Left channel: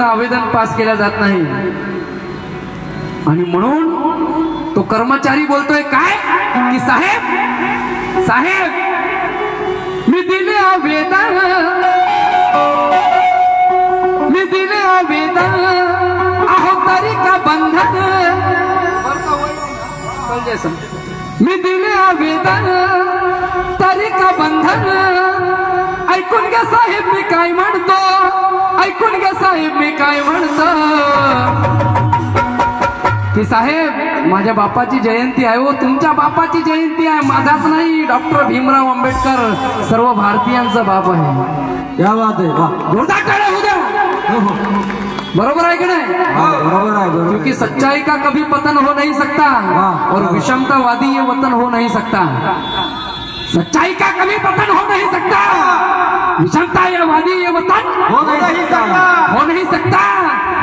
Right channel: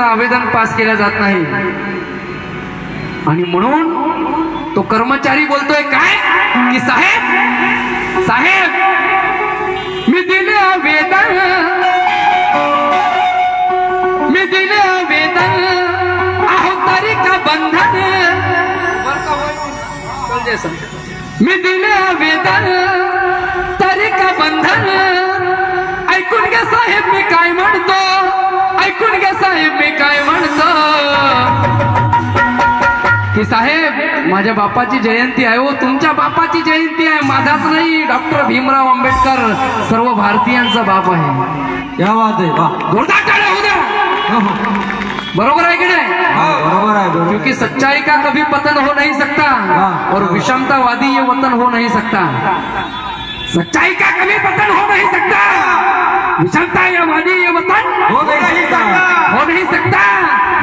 आवेदन पास केला जात नाही आणि म्हणून तो कर्मचारी बोलतोय काय की साहेब साहेब मी दिले आवेदन आहो तारीख बंधन मी दिले आवेदन तारीख बंधन ऐकून घ्या साहेब मी काय म्हणतो ऐकून घ्या साहेब मी काय म्हणतो की साहेब माझ्या बापाची जयंती आहे हो तुमच्या बापाची जयंती आहे माझाच नाही डॉक्टर भीमराव आंबेडकर सर्व भारतीयांचा बाप आहे क्या बात है जोरदार टाळ्या होऊ द्या बरोबर है कि नहीं बरोबर है क्योंकि सच्चाई का कभी पतन हो नहीं सकता और विषमतावादी ये वतन हो नहीं सकता सच्चाई का कभी पतन हो नहीं सकता विषमतावादी ये वतन हो नहीं सकता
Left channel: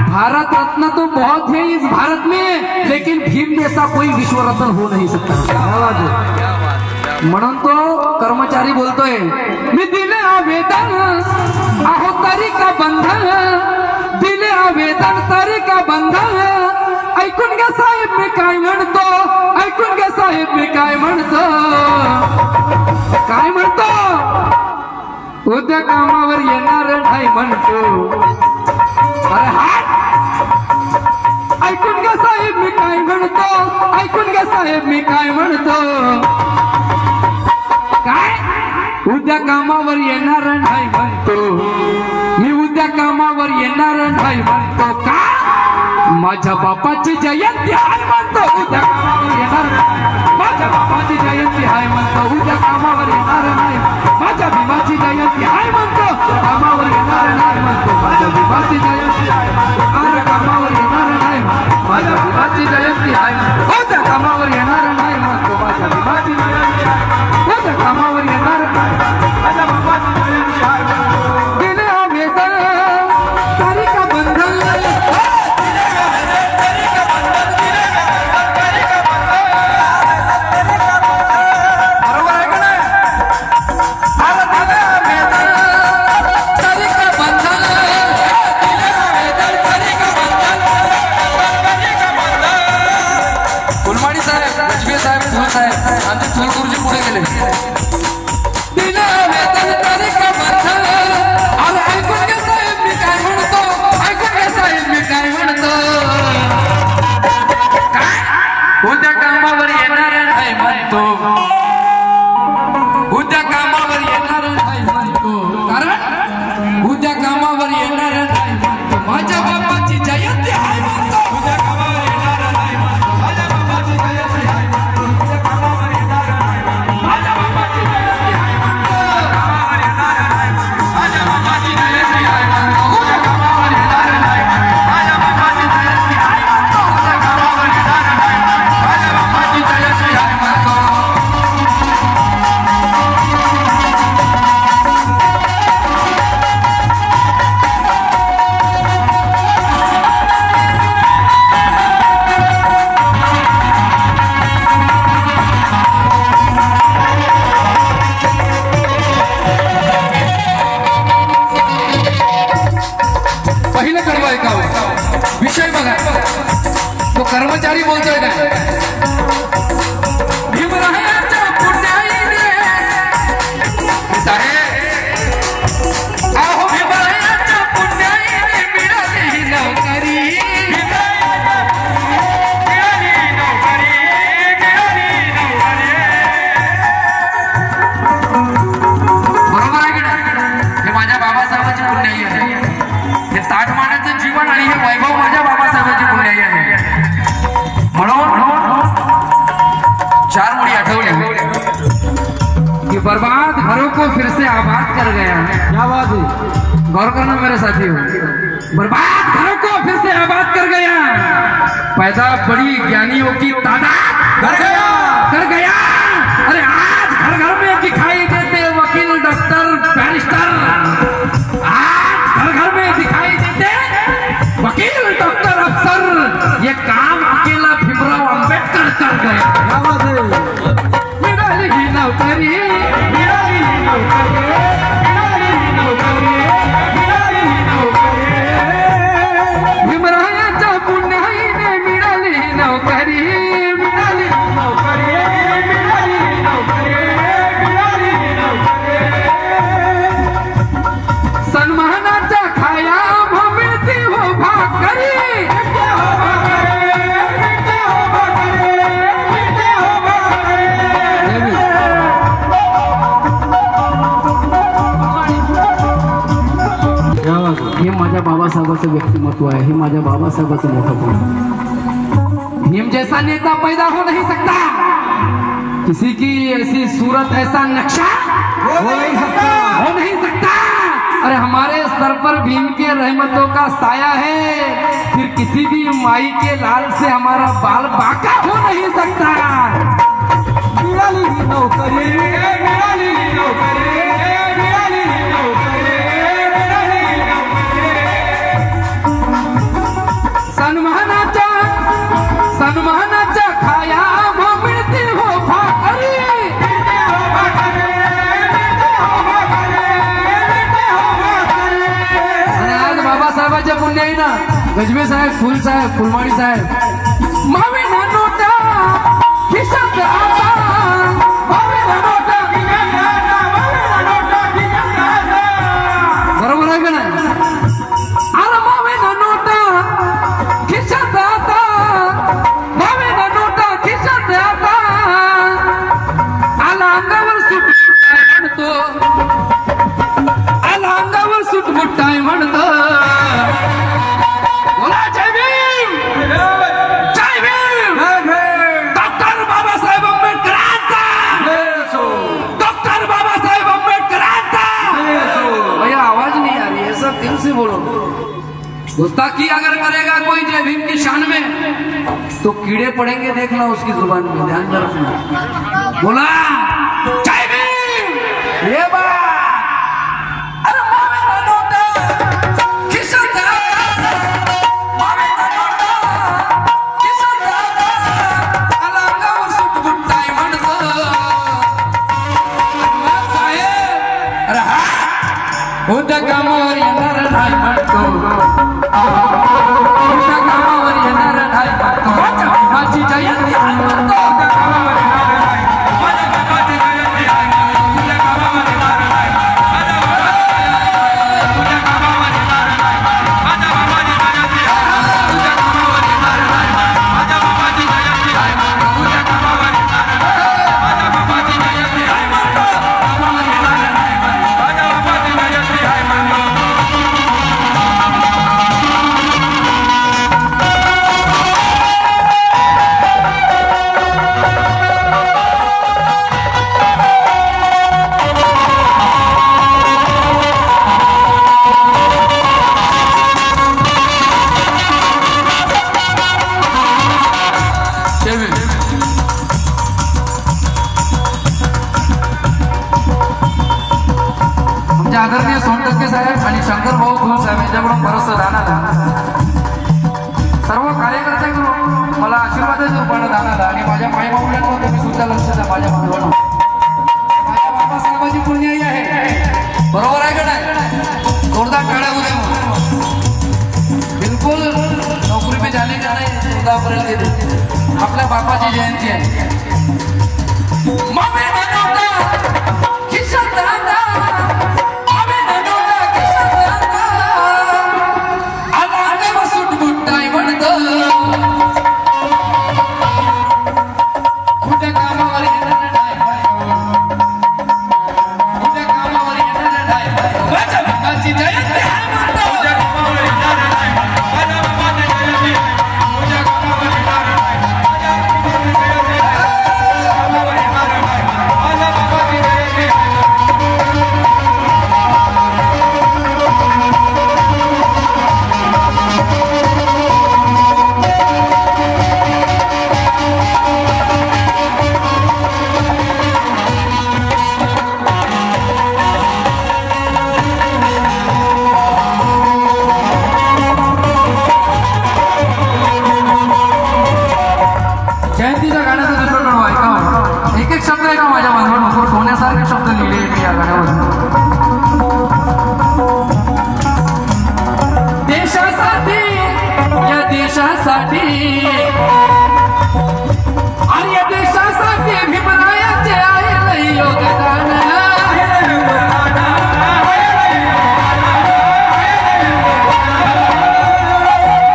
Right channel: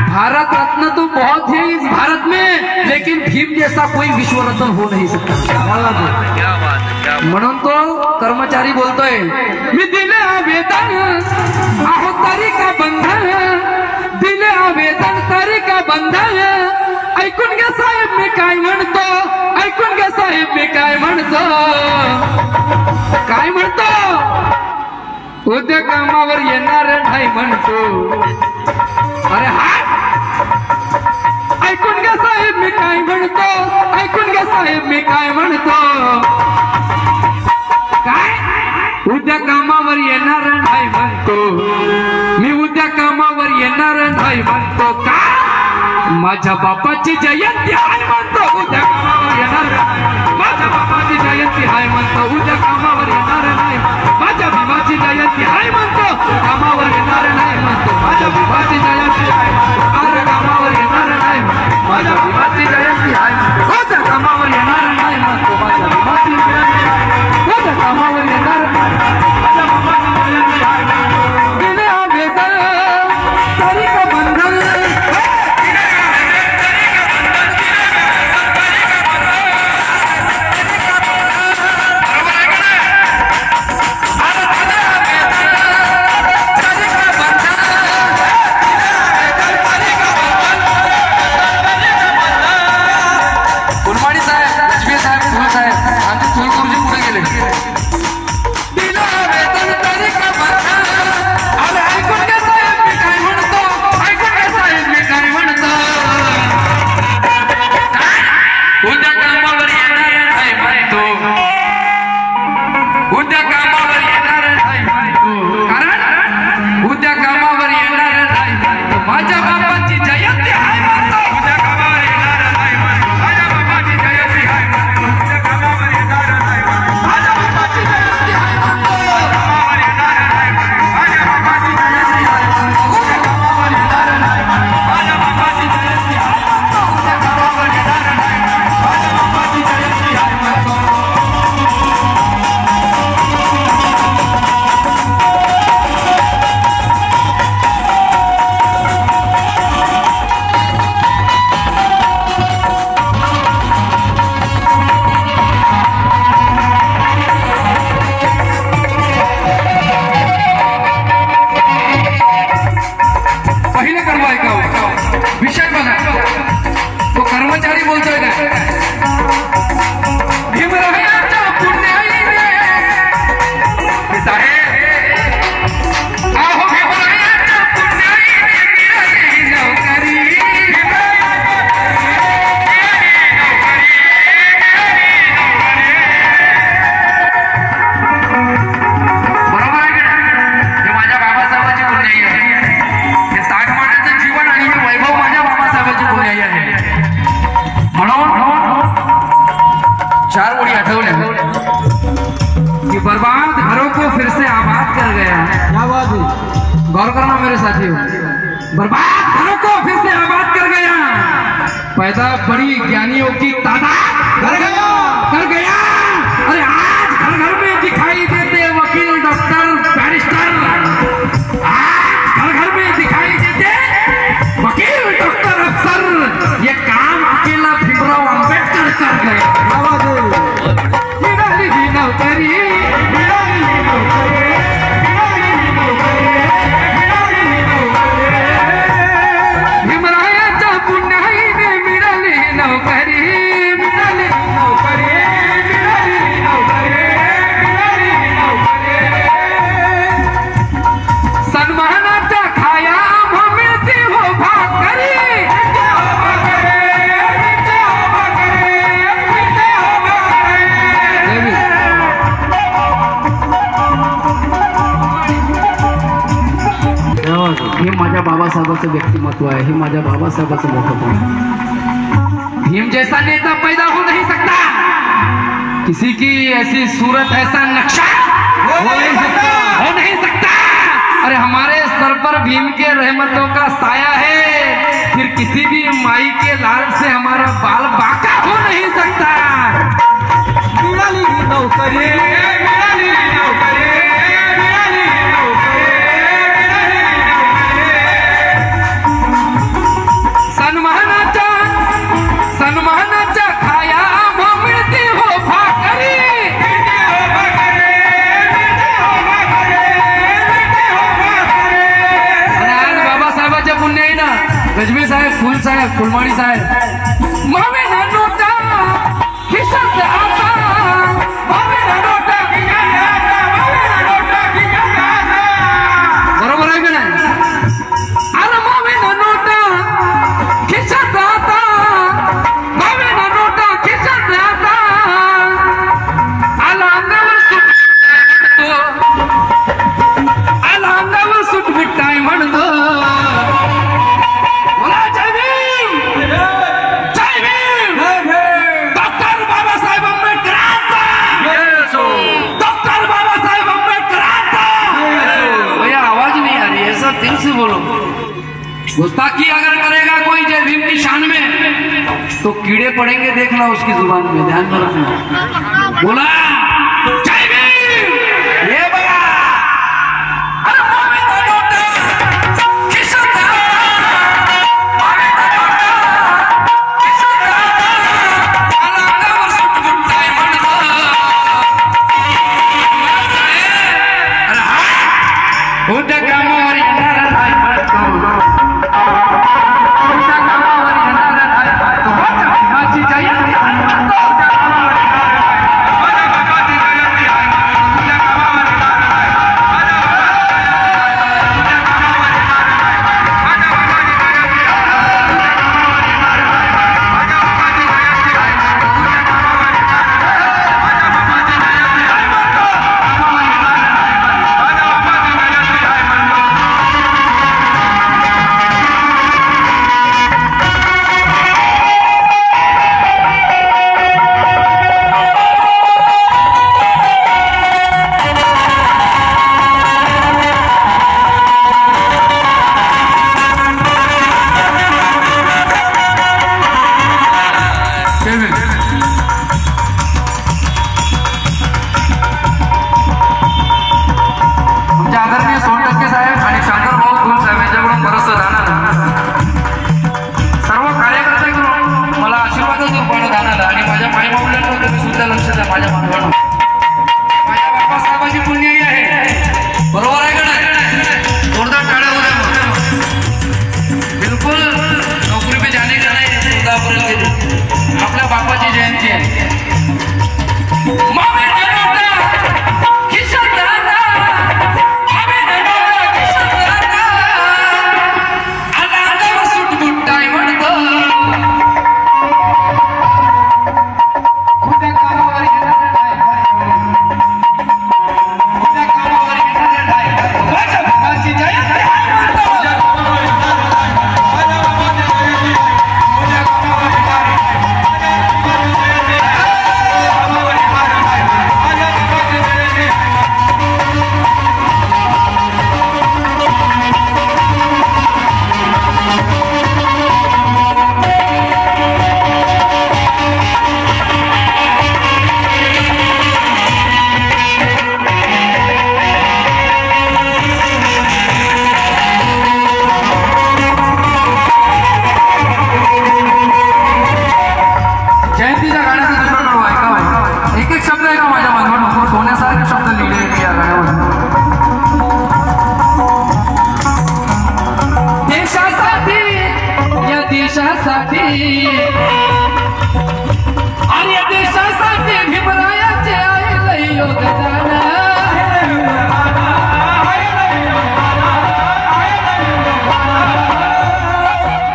भारत रत्न तो बहुत है इस भारत में लेकिन भीम जैसा कोई विश्व रत्न हो नहीं सकता म्हणून तो कर्मचारी बोलतोय मी दिले आवेदन आहो तारीख बंधन दिले आवेदन तारीख बंधन ऐकून घ्या साहेब मी काय म्हणतो ऐकून घ्या साहेब मी काय म्हणतो काय म्हणतो उद्या कामावर येणार नाही म्हणतो अरे हात ऐकून घ्या साहेब मी काय म्हणतो ऐकून घ्या साहेब मी काय म्हणतो काय उद्या कामावर येणार नाही म्हणतो मी उद्या कामावर येणार नाही म्हणतो का माझ्या बापाची जयंती आहे म्हणतो उद्या कामावर येणार माझ्या बापाची जयंती आहे म्हणतो उद्या कामावर येणार नाही माझ्या भीमाची जयंती आहे म्हणतो कामावर येणार नाही म्हणतो माझ्या भीमाची जयंती आहे उद्या कामावर येणार नाही माझ्या भीमाची जयंती आहे उद्या कामावर येणार नाही म्हणतो माझ्या भीमाची जयंती आहे उद्या कामावर येणार नाही माझ्या बापाची जयंती आहे गेले आवेदन तारीख बंधन उद्या कामावर येणार नाही म्हणतो उद्या कामावर येणार नाही म्हणतो कारण उद्या कामावर येणार नाही म्हणतो माझ्या बापाची जयंती आहे म्हणतो उद्या कामावर येणार नाही म्हणतो माझ्या बापाची जयंती आहे म्हणतो उद्या कामावर येणार नाही माझ्या बापाची जयंती आहे म्हणतो कामावर येणार नाही माझ्या बापाची जयंती आहे म्हणतो उद्या कामावर येणार नाही माझ्या बापाची जयंती आहे म्हणतो उद्या कामावर येणार नाही माझ्या बापाची जयंती आहे म्हणतो पहिलं कडवं ऐकावं विषय बघा तो कर्मचारी बोलतोय काय भीमरावांच्या पुण्याईने साहेब आहो भीमरावांच्या पुण्याईने मिळाली नोकरी बरोबर आहे की नाही हे माझ्या बाबासाहेबांची पुण्याई आहे हे ताठमानाचं जीवन आणि हे वैभव माझ्या बाबासाहेबांची पुण्याई आहे म्हणून चार मुड़ी आठवले कि बर्बाद घरों को फिर से आबाद कर गया क्या बात है गौर करना मेरे साथियों बर्बाद घरों को फिर से आबाद कर गया पैदा बड़ी ज्ञानियों की तादाद कर गया अरे आज घर घर में दिखाई देते वकील डॉक्टर बैरिस्टर आज घर घर में दिखाई देते वकील डॉक्टर अफसर ये काम अकेला भीमराव आंबेडकर कर गए क्या बात है मिळाली ही नोकरी मिळाली ही नोकरी मिळाली ही नोकरी मिळाली ही नोकरी हे माझ्या बाबासाहेबाचं व्यक्तिमत्व आहे, हे माझ्या बाबासाहेबाचं मोठं गुण। भीम जैसा नेता पैदा हो नहीं सकता, किसी की ऐसी सूरत ऐसा नक्शा हो नहीं सकता। अरे हमारे सर पर भीम के रहमतों का साया है, फिर किसी भी माई के लाल से हमारा बाल बाका हो नहीं सकता। मिळाली नोकरी, मिळाली नोकरी, मिळाली नोकरी, सन्मानाच्या खाया मिळते हो भाकरी। आज बाबासाहेबाचे पुण्य आहे ना, गजबी साहेब, फुल साहेब, फुलमाडी साहेब, मावे ना नोटा खिशात आता, मावे ना नोटा खिशात आता, मावे ना नोटा खिशात आता। बरोबर आहे का नाही? अरे मावे ना नोटा खिशात आता, मावे ना नोटा खिशात आता, आला अंगावर सुट म्हणतो, आला अंगावर सुट मिठाई म्हणतो। दिल से बोलो, गुस्ताखी अगर करेगा कोई जय भीम की शान में तो कीड़े पड़ेंगे, देखना उसकी जुबान में, ध्यान में रखना। बोला जय भीम, ये बड़ा अरे मावे ना नोटा खिशात आता, मावे ना नोटा खिशात आता, आला अंगावर सुट मिठाई म्हणतो। अरे हा उद्या कामावर येणार नाही म्हणतो, उद्या कामावर येणार नाही म्हणतो, माझ्या भीमाची जयंती आहे म्हणतो। आमचे आदरणीय सोनटक्के साहेब आणि शंकर भाऊ खूप साहेब यांच्याकडून बरंचसं दानाला, सर्व कार्यकर्त्यांकडून मला आशीर्वादाचं रूपानं दानाला, आणि माझ्या माईबाऊल्यांवर तुम्ही सुद्धा लक्ष द्या। माझ्या मानवाला माझ्या बाबासाहेबाची पुण्याई आहे, बरोबर आहे का नाही? जोरदार टाळ्या उद्या बिलकुल नोकरी पे जाने का नाही, 14 अप्रैल के दिन आपल्या बापाची जयंती आहे। जयंतीच्या गाण्याचा दुसरा कडू ऐका, एक एक शब्द ऐका माझ्या मानवानं, सोन्यासारखे शब्द लिहिले या गाण्यावर। देशासाठी, या देशासाठी, आणि या देशासाठी भीमरायाचे आहे लई योगदान।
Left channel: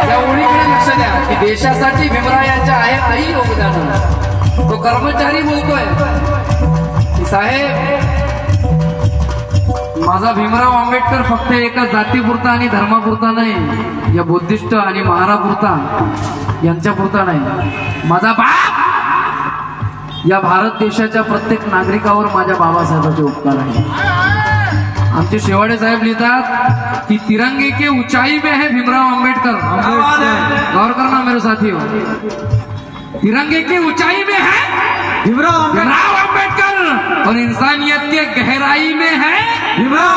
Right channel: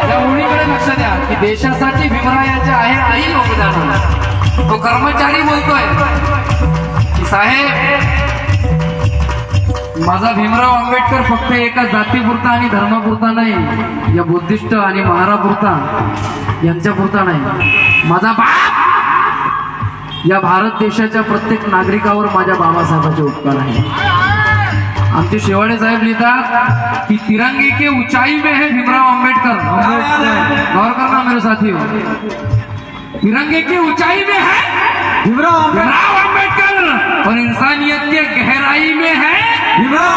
एवढीकडे लक्ष द्या की देशासाठी भीमरायाचे आहे लई योगदान। तो कर्मचारी बोलतोय की साहेब माझा भीमराव आंबेडकर फक्त एका जातीपुरता आणि धर्मापुरता नाही, या बुद्धिस्ट आणि महारापुरता यांच्यापुरता नाही. माझा बाप या भारत देशाच्या प्रत्येक नागरिकावर माझ्या बाबासाहेबांचे उपकार आहे. आमचे शेवाडे साहेब लिहितात की तिरंगे के ऊंचाई में है भीमराव आंबेडकर. गौर करना मेरे साथी, तिरंगे के ऊंचाई में है भीमराव आंबेडकर और इंसानियत के गहराई में है भीमराव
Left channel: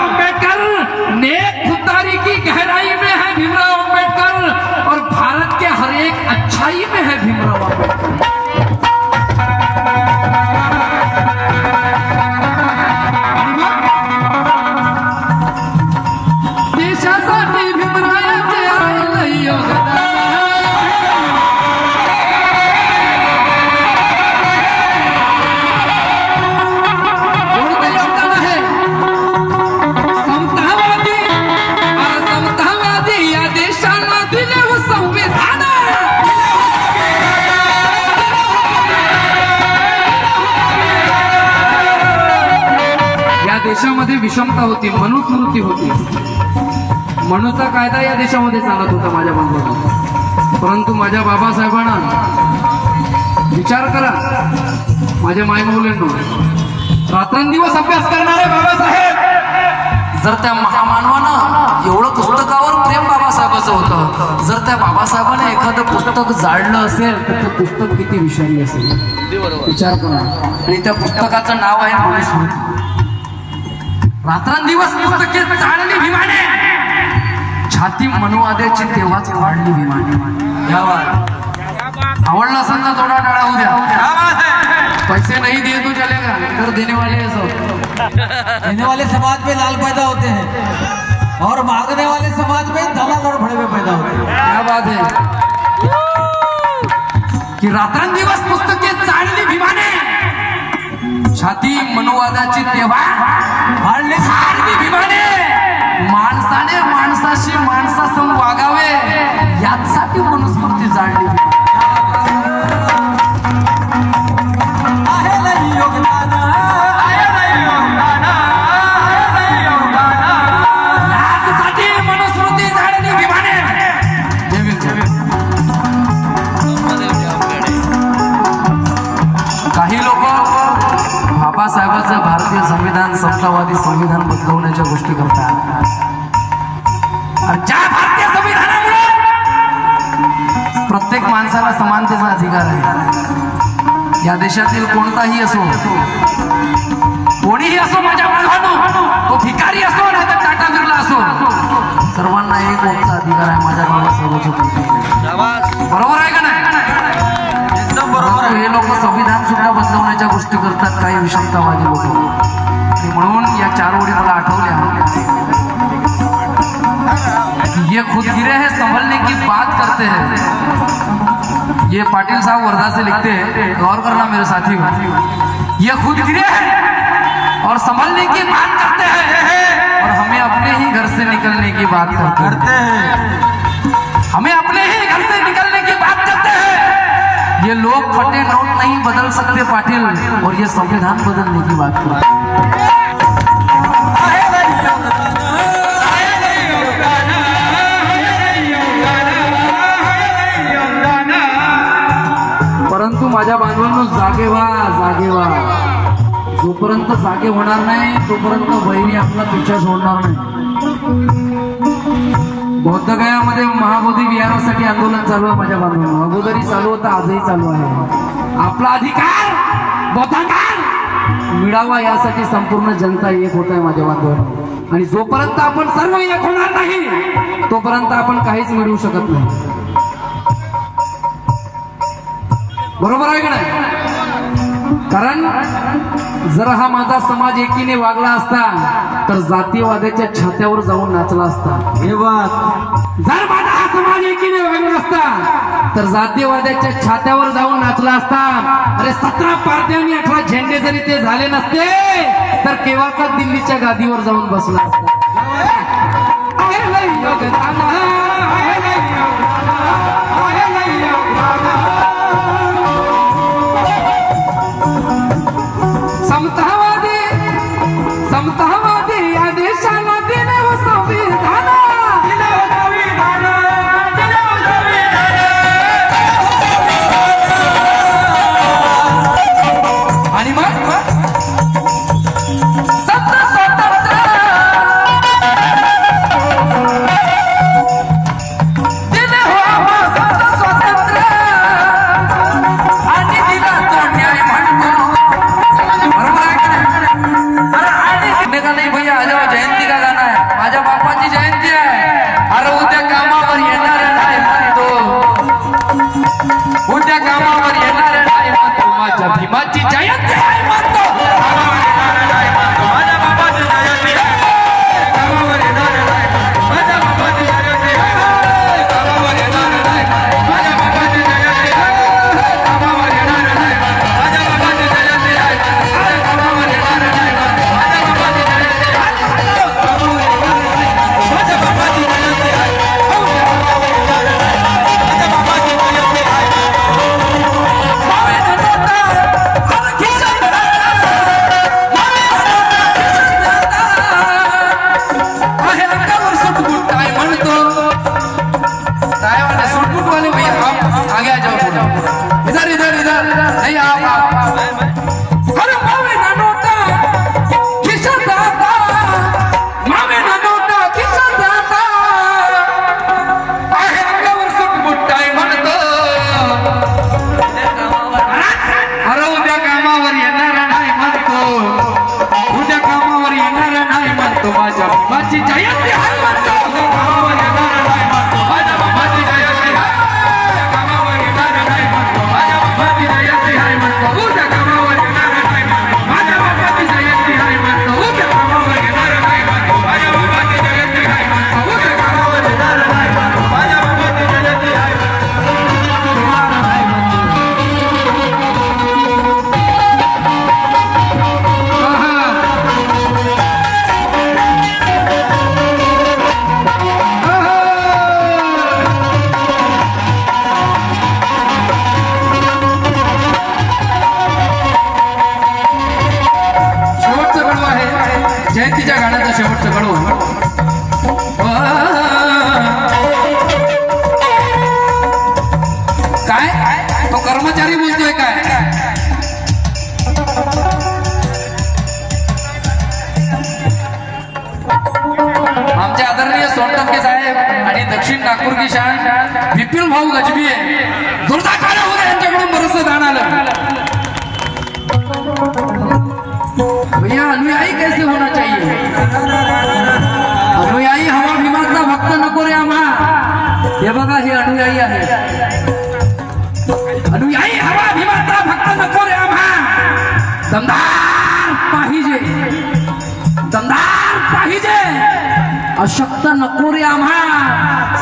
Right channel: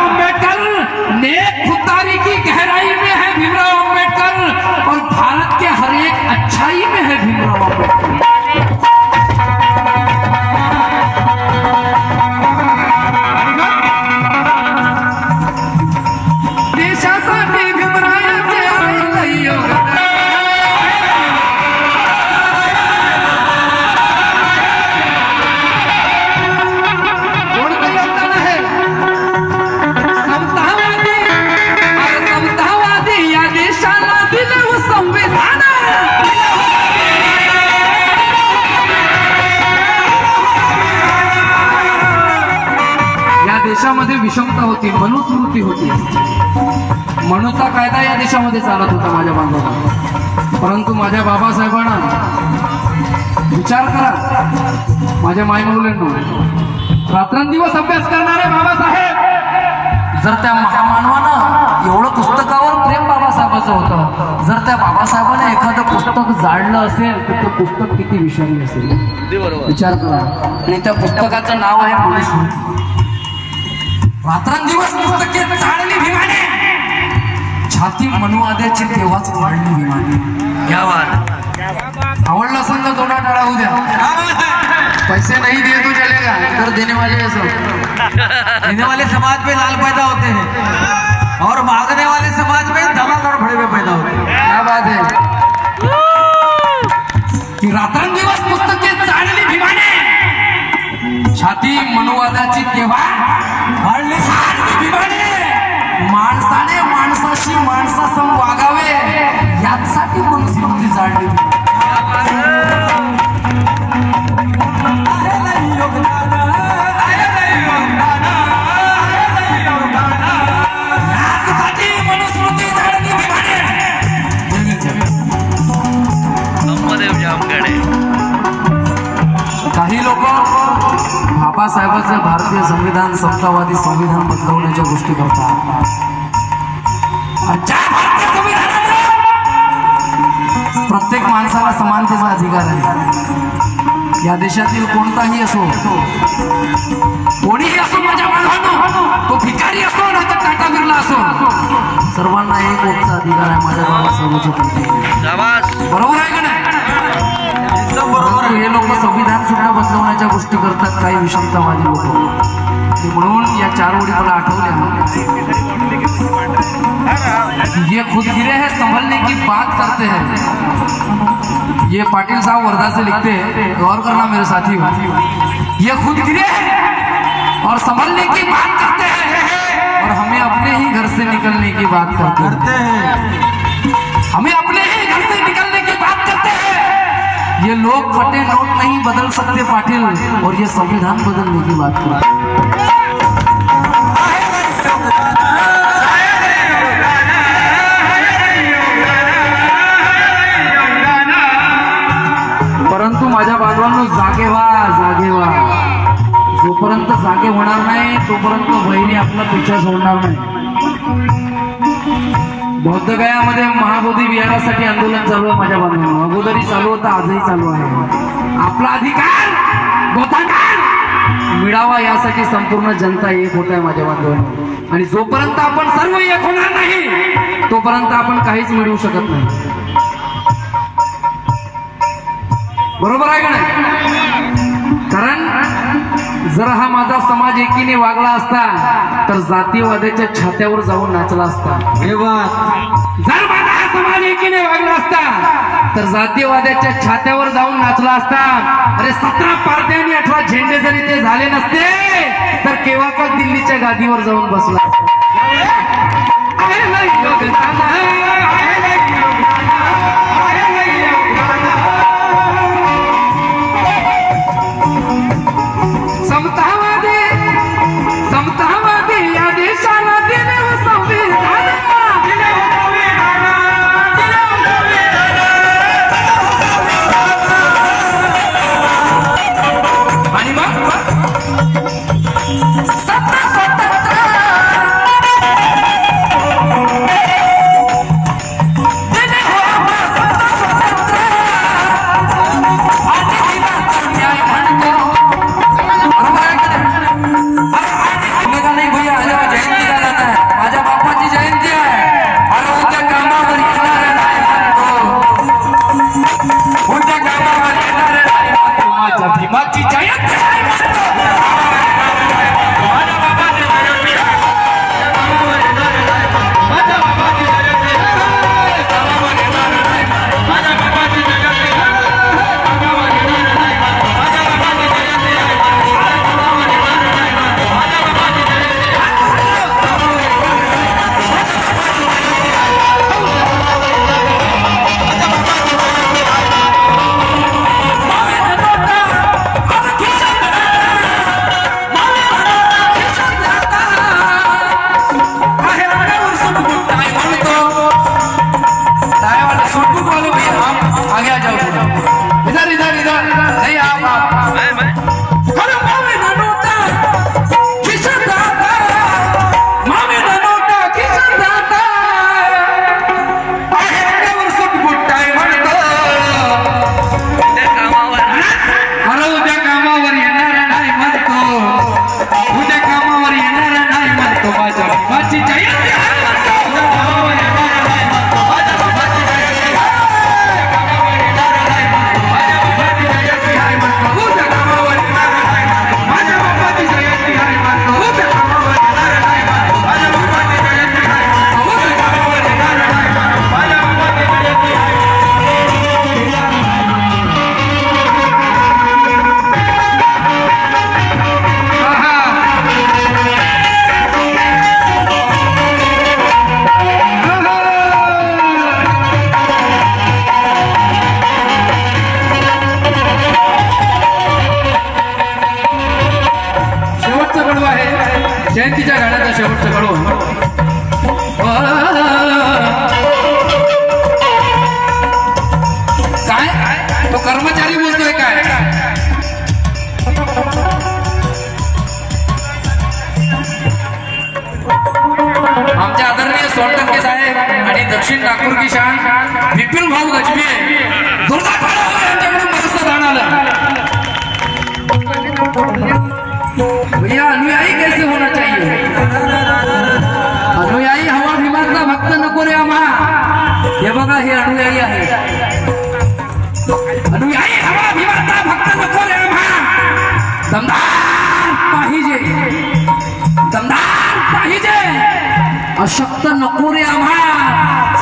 आंबेडकर. नेक खुददारी की गहराई में है भीमराव आंबेडकर और भारत के हर एक अच्छाई में है भीमराव आंबेडकर. देशामध्ये विषमता होती, मनुस्मृती होती, मनुचा कायदा या देशामध्ये चालत होता माझ्या बांधवांना. परंतु माझ्या बाबासाहेबांना विचार करा, माझ्या मायमुलांनो, रात्रंदिवस अभ्यास करणारे बाबासाहेब, जर त्या महामानवानं एवढं पुस्तकावर प्रेम बाबासाहेबाचं होतं, जर त्या बाबासाहेबांना एखादं पुस्तक जाळलं असेल तर ते पुस्तक किती विषारी असेल. विचार करा. आणि त्या पुस्तकाचं नाव आहे मनुस्मृती. रात्रंदिवस पुस्तके जाळली भीमाने, छाती मनुवाद्याची तेव्हाच वाढली भीमाने. या बात आवडलं असेल तर थोडा टाळा होऊ द्या. पैसे नहीं दिए तो चलेगा, कर देने वाले सब, देने वाले समाज में लाल पैदा होते हैं और मांगने वाले समाज में धमाधड़ भड़े में पैदा होते हैं. क्या बात है कि रात्रंदिवस पुस्तके जाळली भीमाने, छाती मनुवादाची तेव्हा वाढली भीमाने. माणसाने माणसाशी माणसासम वागावे यासाठी मनुस्मृती जाळली. मनुस्मृती जाळली भीमाने. काही लोक बाबासाहेबांचं भारतीय संविधान समतावादी संविधान बदलवण्याच्या गोष्टी करतात. ज्या भारतीय संविधानामुळे प्रत्येक माणसाला समानतेचा अधिकार आहे. या देशातील कोणताही असो, कोणीही असो, माझ्या बांधवांनो, तो भिकारी असो नाही तर टाटा बिर्ला असो, सर्वांना एक वोटचा अधिकार आहे माझ्या बाबासाहेबांच्या प्रती. बरोबर आहे का नाही? एकदम बरोबर. हे लोक संविधान सुद्धा बदलवण्याच्या गोष्टी करतात, काही विषमतावादी लोक. म्हणून या 4 ओळी मला आठवल्या. ये खुदगिरे है संभलने की बात करते हैं. ये पाटिल साहब वर्धा से लिखते हैं, गौर करना मेरे साथी. ये खुदगिरे है और संभलने की बात करते हैं और हमें अपने ही घर से निकलने की बात करते हैं. हमें अपने ही घर से निकलने की बात करते हैं. ये लोग फटे नोट नहीं बदल सकते पाटिल, और ये संविधान बदलने की बात करते हैं. परंतु माझ्या बांधवांनो, जागे व्हा, जागे व्हा. जोपर्यंत जागे होणार नाही तोपर्यंत बहिणी आपला पिछा सोडणार नाही. बौद्धगयामध्ये महाबोधी विहारासाठी आंदोलन चालू आहे माझ्या बांधवांनो. अगोदरी चालू होतं, आजही चालू आहे. आपला अधिकार बौद्धांना मिळावा यासाठी संपूर्ण जनता एक होत आहे माझ्या बांधवांनो. आणि जोपर्यंत आपण सर्व एक होणार नाही तोपर्यंत आपण काहीच मिळवू शकत नाही. बरोबर आहे का नाही? कारण जर हा माझा समाज एकीने वागला असता तर जातीयवादाच्या छात्यावर जाऊन नाचला असता. जर माझा हा समाज एकीने वागला असता तर जातीयवादाच्या छात्यावर जाऊन नाचला असता. अरे 17 पार्ट्या आणि 18 झेंडे जरी ते झाले नसते तर केव्हाचा दिल्लीच्या गादीवर जाऊन बसला असता. समतावादी माझ्या भीमाची जयंती आहे म्हणतो जयंतीच्या गाण्याचा शेवटचा कडू काय तो कर्मचारी बोलतोय काय आमचे आदरणीय सोनटंके साहेब आणि दक्षिण नागपूर की शान विपिन भाऊ गजबी जोरदार ताली हो गया यांच्याकडून बरंचसं दान आलं भैया अनुयायी कैसे होना चाहिए अनुयायी हवा भीमाचा भक्त नको रे आम्हा हे बघा हे अनुयायी आहे अनुयायी हवा भीमाचा भक्त नको रे आम्हा दमदार पाहिजे दमदार पाहिजे अशक्त नको रे आम्हा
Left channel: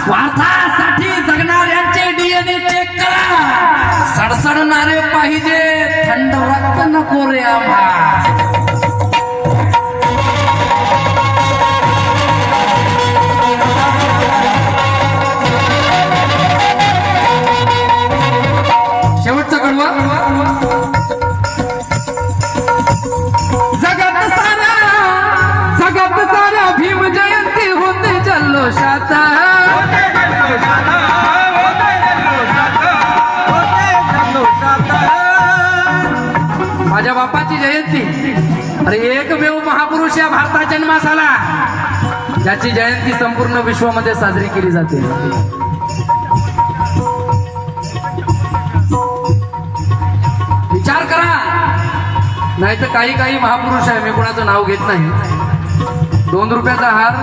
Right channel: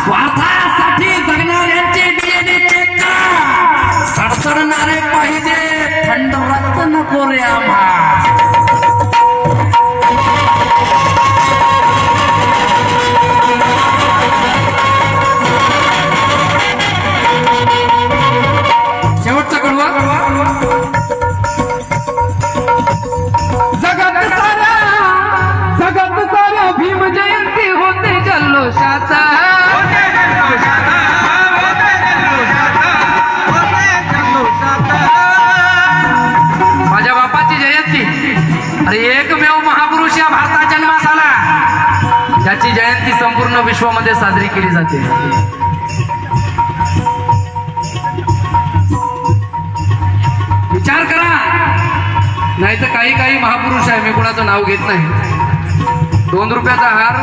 स्वार्थासाठी जगणाऱ्यांचे डीएनए चेक करा सडसडणारे पाहिजे थंड रक्त नको रे आम्हा शेवटचा कडवा जगत सारा भीम जयंती होते जल्लोषात माझ्या बापाची जयंती अरे एकमेव महापुरुष या भारतात जन्मास आला ज्याची जयंती संपूर्ण विश्वामध्ये साजरी केली जाते विचार करा नाही तर काही महापुरुष आहे मी कुणाचं नाव घेत नाही 2 रुपयाचा हार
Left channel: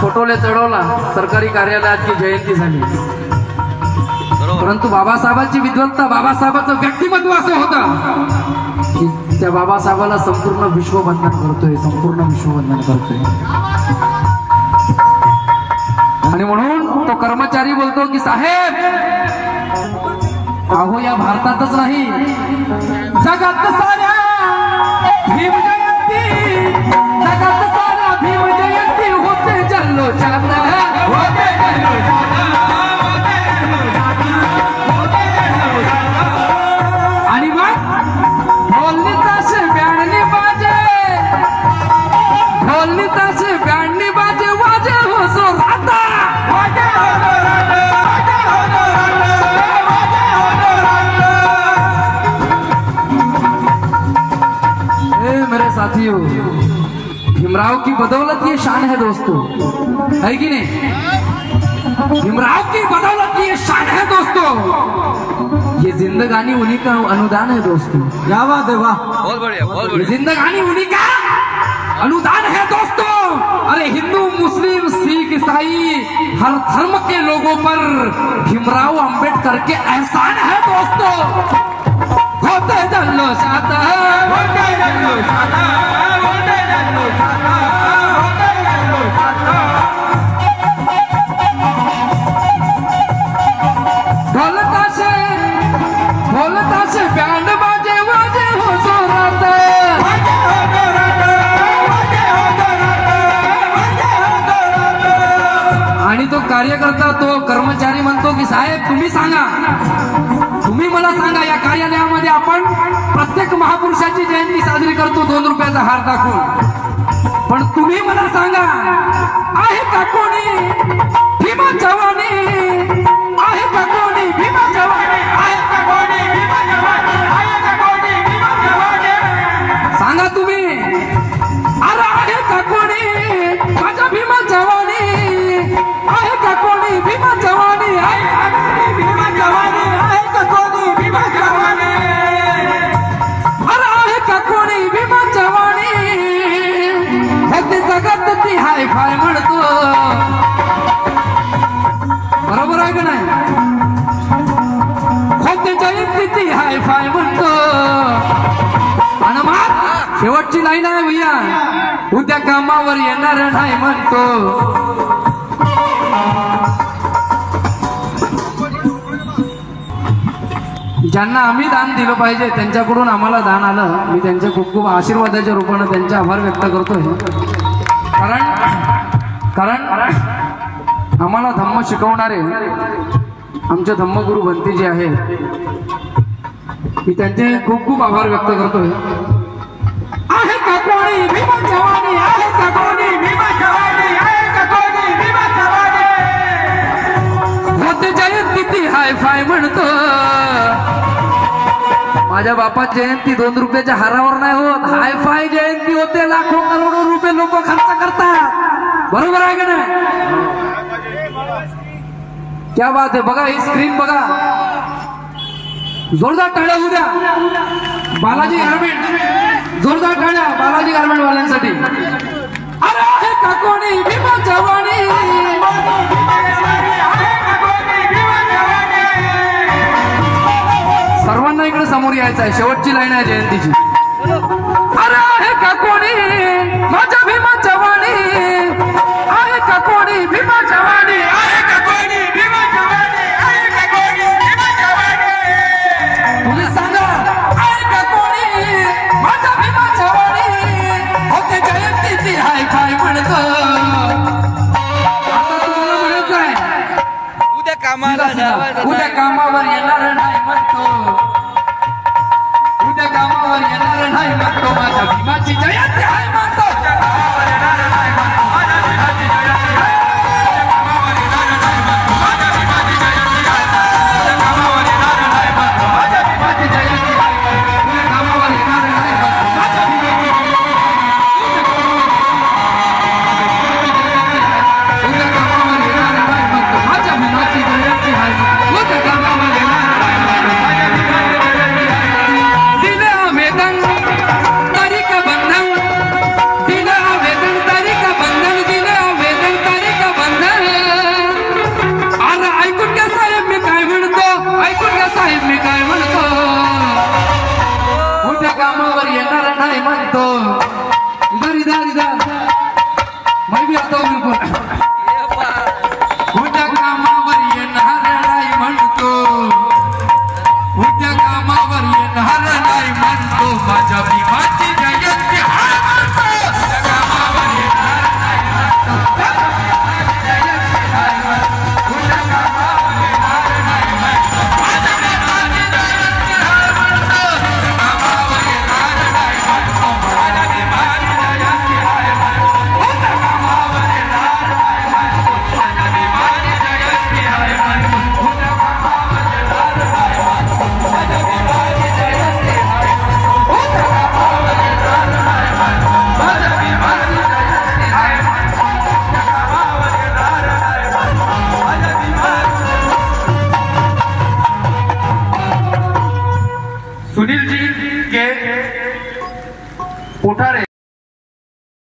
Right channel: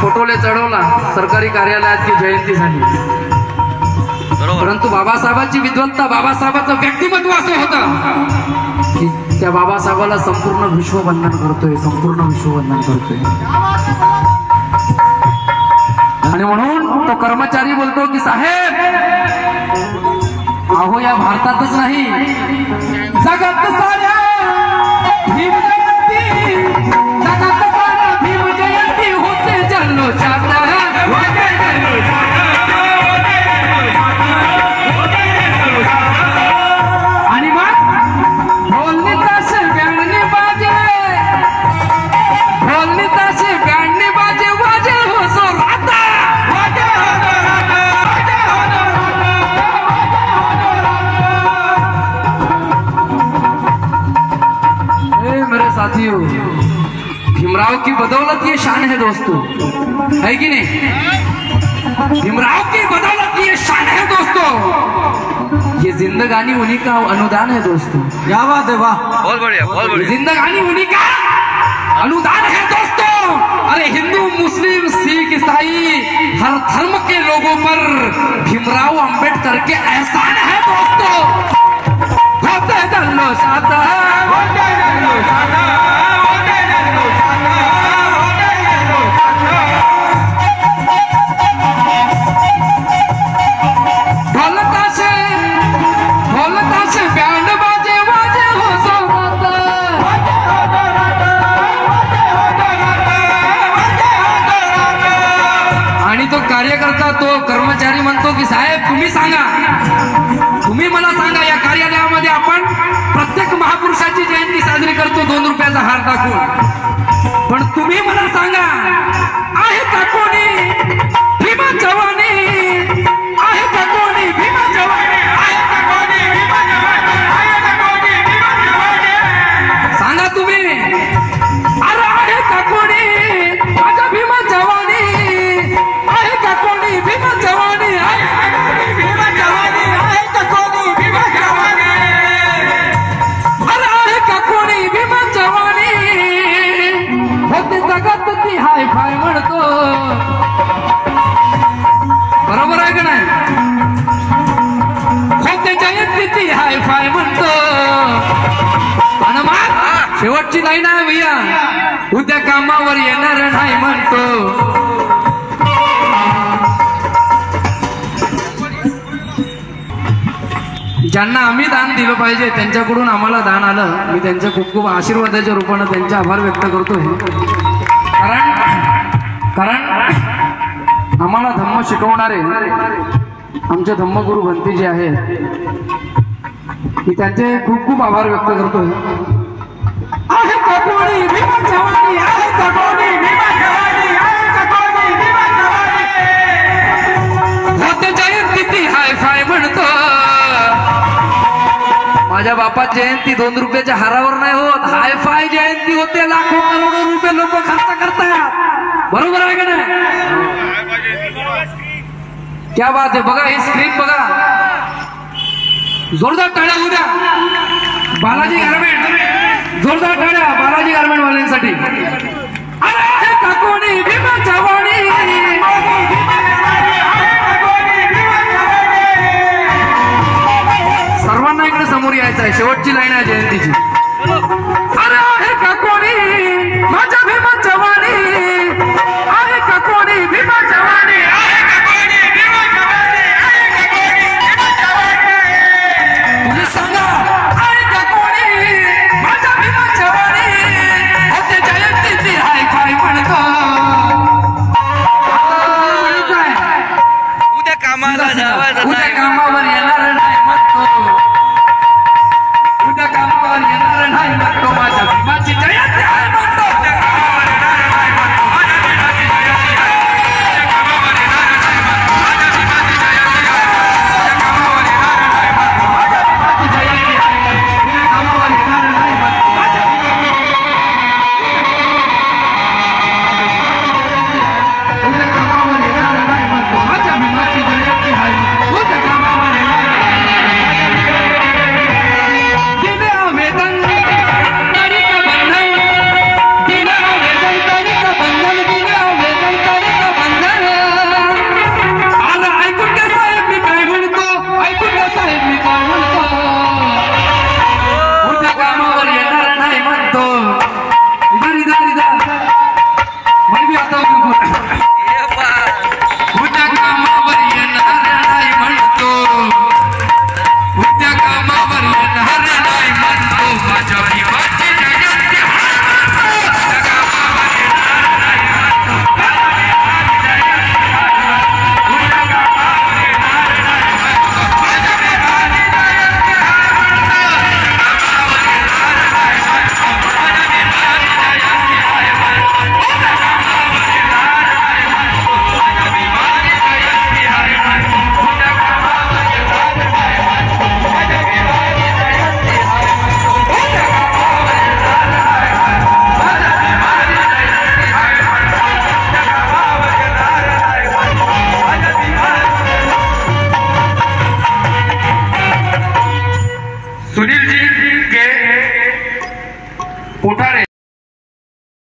फोटोले चढवला सरकारी कार्यालयात की जयंती झाली परंतु बाबासाहेबांची विद्वत्ता बाबासाहेबांचं व्यक्तिमत्व असं होतं की त्या बाबासाहेबाला संपूर्ण विश्व वंदन करतोय संपूर्ण विश्व वंदन करतोय आणि म्हणून तो कर्मचारी बोलतो की साहेब अहो या भारतातच नाही जगात साऱ्या भीम जयंती जगात साऱ्या भीम जयंती होते जल्लोषात आणि मग ढोलनी ताशे बँडनी बाजे ढोलनी ताशे बँडनी बाजे वाजे हो सो राता मेरे साथियों भीमराव की बदौलत ये शान है दोस्तों है कि नहीं भीमराव की बदौलत ये शान है दोस्तों ये जिंदगानी उन्हीं का अनुदान है दोस्तों क्या बात है वाह बहुत बढ़िया जिंदगानी उन्हीं का अनुदान है दोस्तों अरे हिंदू मुस्लिम सिख ईसाई हर धर्म के लोगों पर भीमराव अंबेडकर के एहसान है दोस्तों होते तो कार्यकर्ता तो कर्मचारी म्हणतो की साहेब तुम्ही सांगा, तुम्ही मला सांगा या कार्यालयामध्ये आपण प्रत्येक महापुरुषाची जयंती साजरी करतो 2 रुपयाचा हार दाखवून, पण तुम्ही मला सांगा आहे का कोणी भीमा जवानी, आहे का कोणी भीमा जवानी, आहे का कोणी भीमा जवानी, आहे का कोणी भीमा जवानी, सांगा तुम्ही, अरे आहे का कोणी माझा भीमा जवानी, आहे का कोणी भीमा जवानी, आहे का कोणी भीमा जवानी, आहे का कोणी भीमा जवानी, अरे आहे का कोणी भीमा जवानी, होते जगत ती हाय फाय म्हणतो, बरोबर आहे का नाही, होते जयंती ती हाय फाय म्हणतो, आणि मग शेवटची लाईन आहे भैया, उद्या कामावर येणार नाही म्हणतो. ज्यांना आम्ही दान दिलं पाहिजे त्यांच्याकडून आम्हाला दान आलं, मी त्यांच्या खूप खूप आशीर्वादाच्या रूपानं त्यांचे आभार व्यक्त करतोय. कारण आम्हाला धम्म शिकवणारे आमचे धम्मगुरु भंती जे आहेत मी त्यांचे खूप खूप आभार व्यक्त करतोय. आहे का कोणी भीमा जवानी, आहे का कोणी भीमा जवानी, आहे का कोणी भीमा जवानी, होत जयंती ती हाय फाय म्हणतो. माझ्या बापाची जयंती 2 रुपयाच्या हारावर नाही होत, हाय फाय जयंती होते, लाखो करोडो रुपये लोक खर्च करतात, बरोबर आहे का नाही, क्या बात आहे. बघा ही स्क्रीन बघा, जोरदार टाळ्या उद्या बालाजी गारमेंट, जोरदार टाळ्या बालाजी गारमेंट वाल्यांसाठी. अरे आहे का कोणी भीमा जवानी, सर्वांना इकडे समोर यायचं आहे, शेवटची लाईन आहे जयंतीची. अरे आहे का कोणी माझ्या भीमा जवानी, आहे का कोणी भीमा जवानी, आहे का कोणी भीमा जवानी, आहे का कोणी भीमा जवानी, तुम्ही सांगा आहे का कोणी माझ्या भीमा जवानी, होते जयंती ती हाय काय म्हणतो. उद्या कामाला जावं, उद्या कामावर येणार